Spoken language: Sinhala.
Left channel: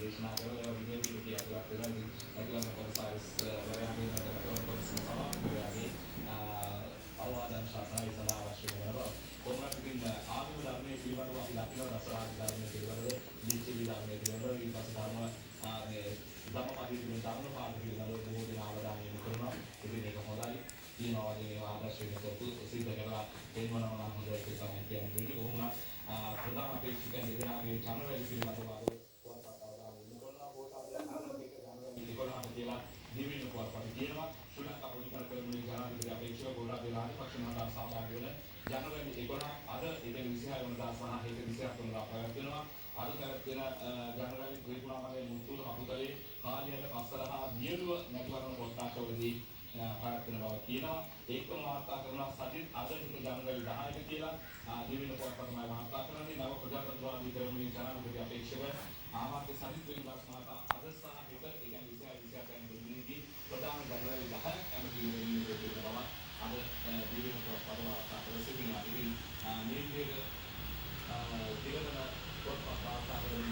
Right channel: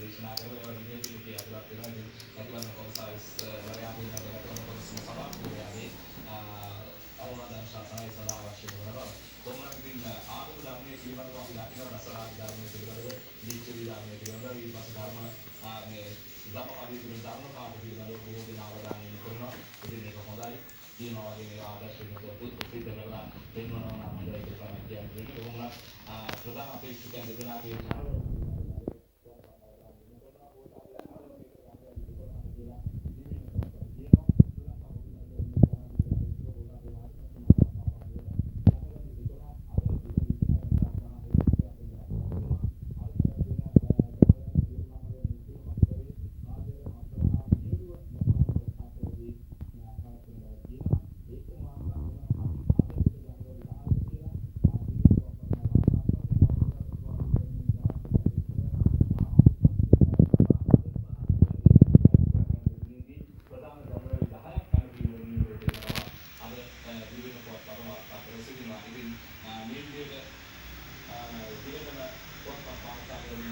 දේශනා කරලා විනයදී අතුලක් වෙනවා. අතුලක් කොමසාරිස් වරයාගේ නගරකම කොමස සමාප්තියගේ අවවාදන් ශාසනයි සදා අවශ්‍ය වෙනවා. කොහොමද ඉතින් ආගම ධර්මයේ පිළිබඳව අපි දකින රසායන ධර්මයේ පිළිබඳව දීච්චි ධර්මයේ පිළිබඳව ඊපස් ධර්ම මේ ධම්මපදයේ තියෙන ධර්ම පාඩු පිළිබඳව බොහෝ දෙනා අවධානය යොමු කරනවා. ඉතින් ඒක හොඳයි. ඊනවා වගේ ආදර්ශ වෙනකොට සිද්ධ කරලා දෙන්නවා නම් හොඳයි කියලා තමයි කියන්නේ. කොහොමද ප්‍රධාන අපේක්ෂකයන් දෙදෙනාගේ ජනවැල් පිළිබඳව පුවත්පත් අවධානය යොමු කරනවා. පොතාපියන් ආරම්භයක ජනවැල් 11ට කියලා දිවින පුවත්පත් කියනවා. ශ්‍රී ලංකා පොලිකර කර්මයේ ජනාධිපති අපේක්ෂක ගෝඨාභය රාජපක්ෂ මහතා සහභාගී වෙන ජනවැල් 11 අද ඉතින් 26 වෙනිදා සහ 27 වෙනිදා පැවැත්වෙනවා. අද පැවැත්වෙන ජනවැල් ත්‍රිකුණාමලයේ මුතුන් අපකලේ කාර්යාලය පස්සලහා නියුව නැකවරන පොත්තාකවලදී පැවැත්වෙන බව කියනවා. ඒකම වාර්තා කරනවා සජිත් අද ඉතින් ජනවැල් 10ට කියලා දිවින පුවත්පත් තමයි වාර්තා කරන්නේ. නව ප්‍රජාතන්ත්‍රවාදී ක්‍රමයේ ජනාධිපති අපේක්ෂක ආමාත්‍ය සජිත් විමර්ශනාව අද සහ හෙට ඉතින් ප්‍රධාන ජනවැල් 10ක් කැමති වෙන්නේ බව අද දිවින පුවත්පත් වාර්තා කර සිටිනවා. ඉතින් මේ විදිහට දිගටම පොත්පත් වාර්තා කරන